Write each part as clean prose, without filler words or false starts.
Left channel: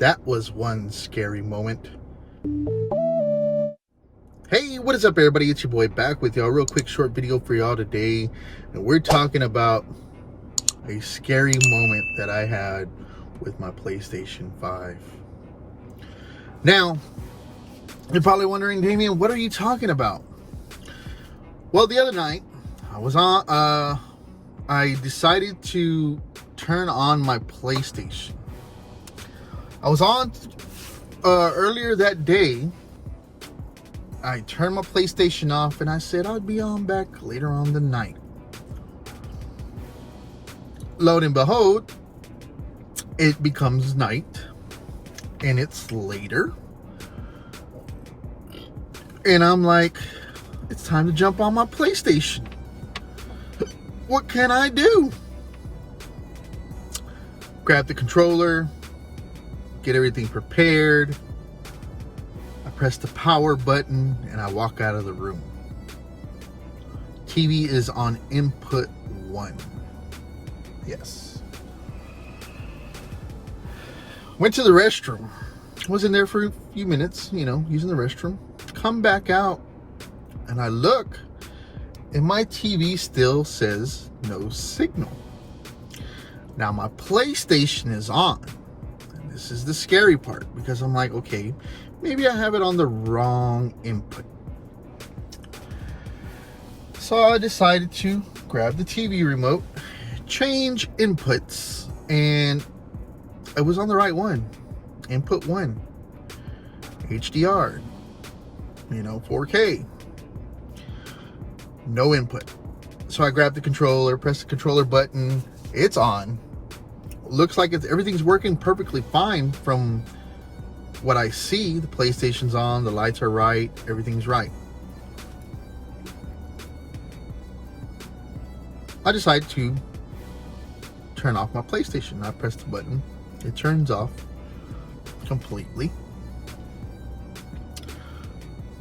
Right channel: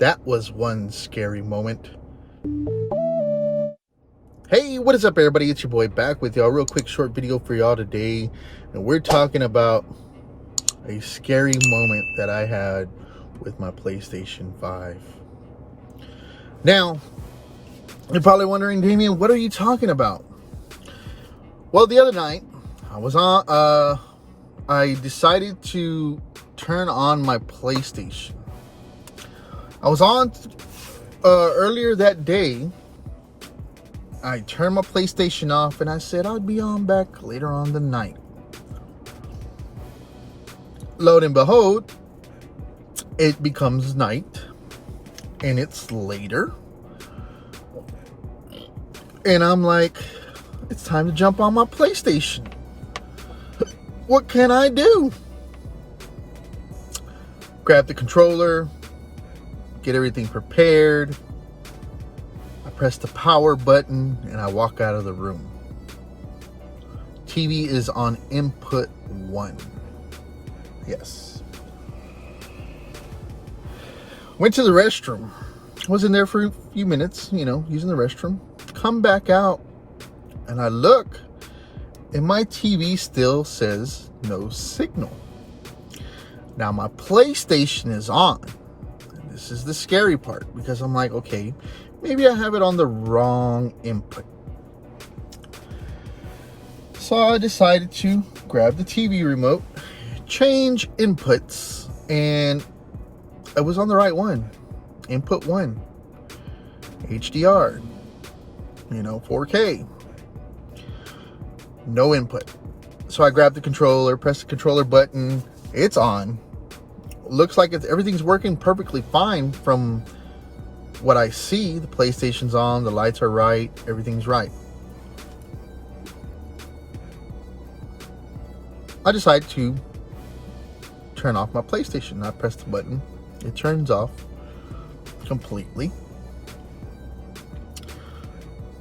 That was one scary moment. Hey, what is up, everybody? It's your boy back with y'all. Real quick short video for y'all today. And we're talking about a scary moment that I had with my PlayStation 5. Now, you're probably wondering, Damien, what are you talking about? Well, the other night, I decided to turn on my PlayStation. I was on earlier that day. I turned my PlayStation off and I said I'd be on back later on the night. Lo and behold, it becomes night and it's later. And I'm like, it's time to jump on my PlayStation. What can I do? Grab the controller, get everything prepared. I press the power button and I walk out of the room. TV is on input 1. Yes. Went to the restroom. Was in there for a few minutes, using the restroom. Come back out and I look and my TV still says no signal. Now my PlayStation is on. And this is the scary part because I'm like, okay, maybe I have it on the wrong input. So I decided to grab the TV remote, change inputs, and it was on the right one. Input 1. HDR. 4K. No input. So I grabbed the controller, pressed the controller button. It's on. Looks like everything's working perfectly fine from what I see. The PlayStation's on, the lights are right, everything's right. I decide to turn off my PlayStation. I press the button. It turns off completely.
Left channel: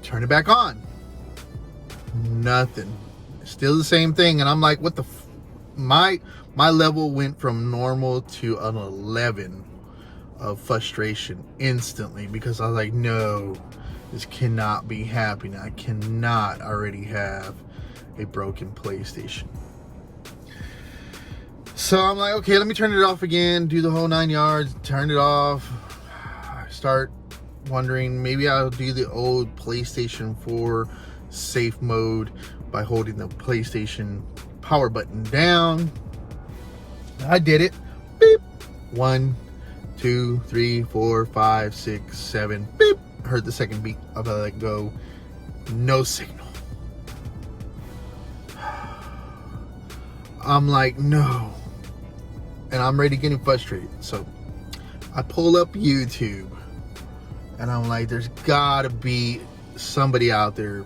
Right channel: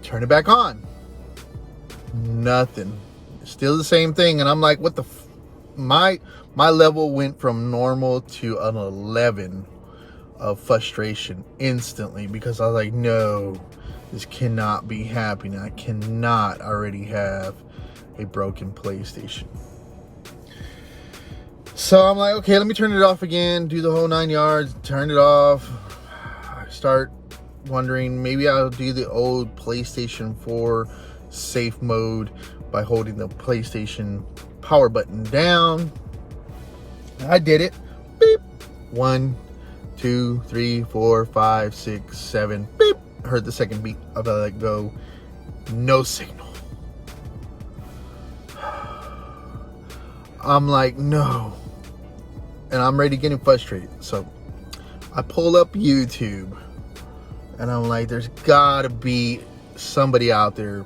Turn it back on. Nothing. Still the same thing. And I'm like, what the my level went from normal to an 11 of frustration instantly, because I was like, no, this cannot be happening. I cannot already have a broken PlayStation. So I'm like, okay, let me turn it off again, do the whole 9 yards, turn it off. I start wondering, maybe I'll do the old PlayStation 4 safe mode by holding the PlayStation power button down. I did it. Beep. 1, 2, 3, 4, 5, 6, 7. Beep. Heard the second beat. I let it go. No signal. I'm like, no. And I'm ready to get frustrated. So I pull up YouTube and I'm like, there's gotta be somebody out there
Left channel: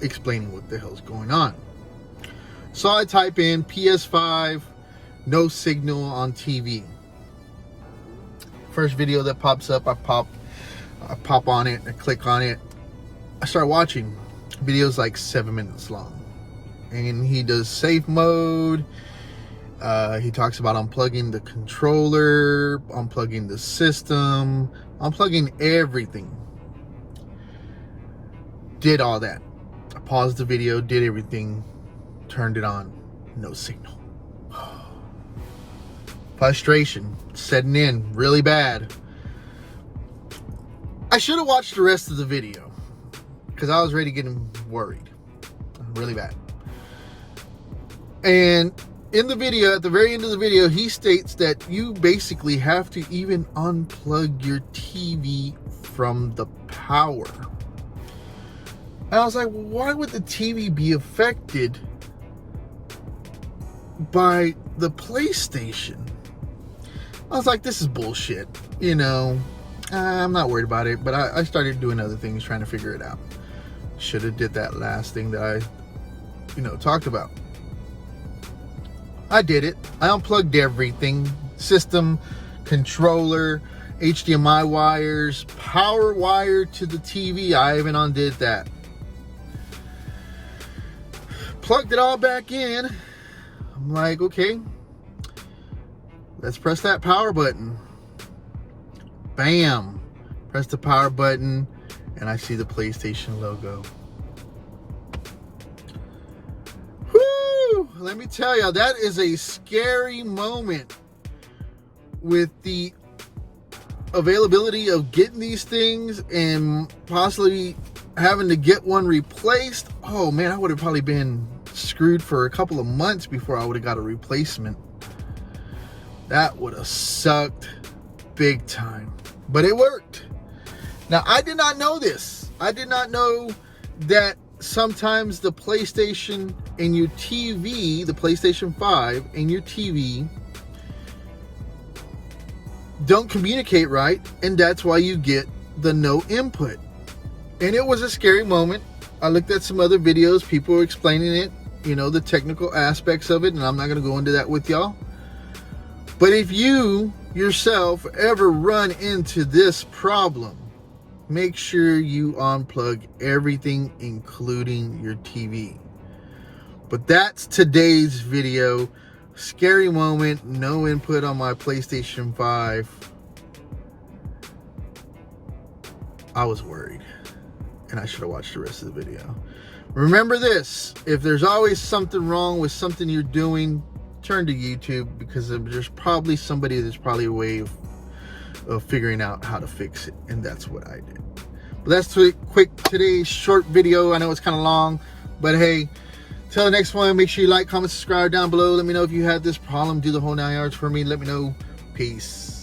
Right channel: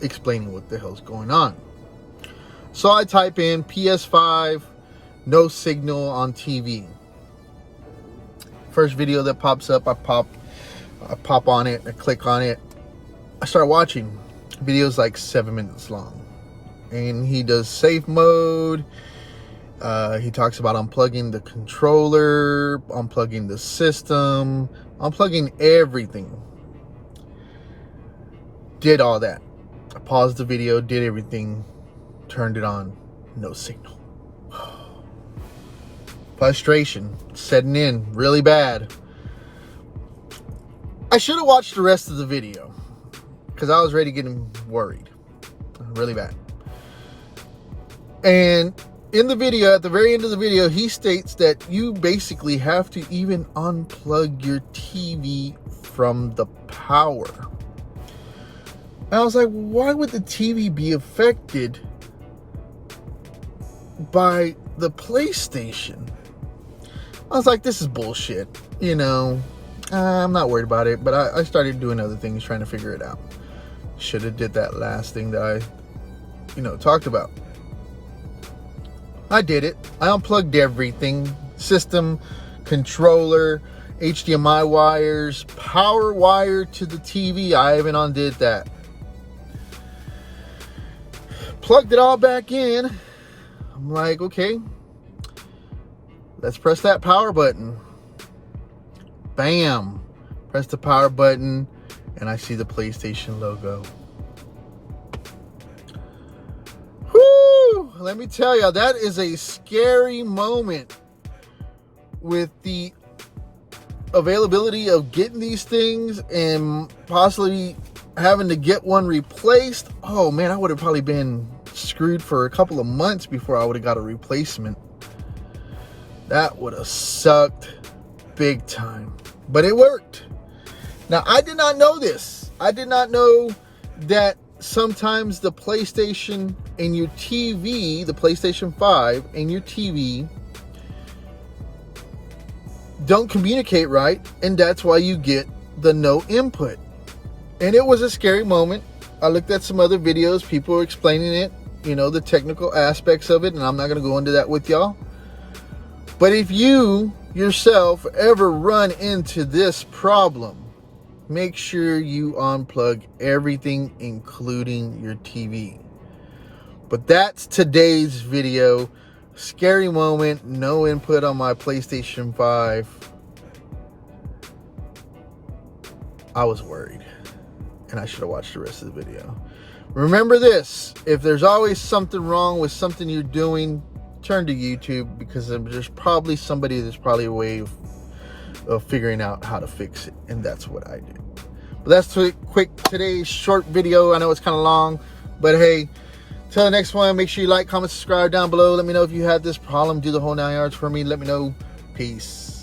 explaining what the hell's going on. So I type in PS5, no signal on TV. First video that pops up, I pop on it, I click on it. I start watching. Videos like 7 minutes long. And he does safe mode. He talks about unplugging the controller, unplugging the system, unplugging everything. Did all that. I paused the video, did everything, turned it on, no signal. Frustration setting in really bad. I should have watched the rest of the video because I was already getting worried really bad. And in the video, at the very end of the video, he states that you basically have to even unplug your TV from the power. And I was like, why would the TV be affected by the PlayStation? I was like, this is bullshit. I'm not worried about it, but I started doing other things, trying to figure it out. Should have did that last thing that I, talked about. I did it. I unplugged everything. System, controller, HDMI wires, power wire to the TV. I even undid that. Plugged it all back in. I'm like, okay, let's press that power button. bam, press the power button, and I see the PlayStation logo. Whoo! Let me tell you, that is a scary moment with the availability of getting these things and possibly having to get one replaced. Oh man, I would have probably been screwed for a couple of months before I would have got a replacement. That would have sucked big time, but it worked. Now, I did not know this. I did not know that sometimes the PlayStation and your TV, the PlayStation 5 and your TV don't communicate right, and that's why you get the no input. And it was a scary moment. I looked at some other videos, people were explaining it, you know, the technical aspects of it, and I'm not going to go into that with y'all. But if you yourself ever run into this problem, make sure you unplug everything, including your TV. But that's today's video. Scary moment, no input on my PlayStation 5. I was worried, and I should have watched the rest of the video. Remember this, if there's always something wrong with something you're doing, turn to YouTube, because there's probably somebody that's probably a way of figuring out how to fix it, and that's what I did. But that's quick today's short video. I know it's kind of long, but hey, till the next one, make sure you like, comment, subscribe down below. Let me know if you had this problem. Do the whole 9 yards for me. Let me know. Peace.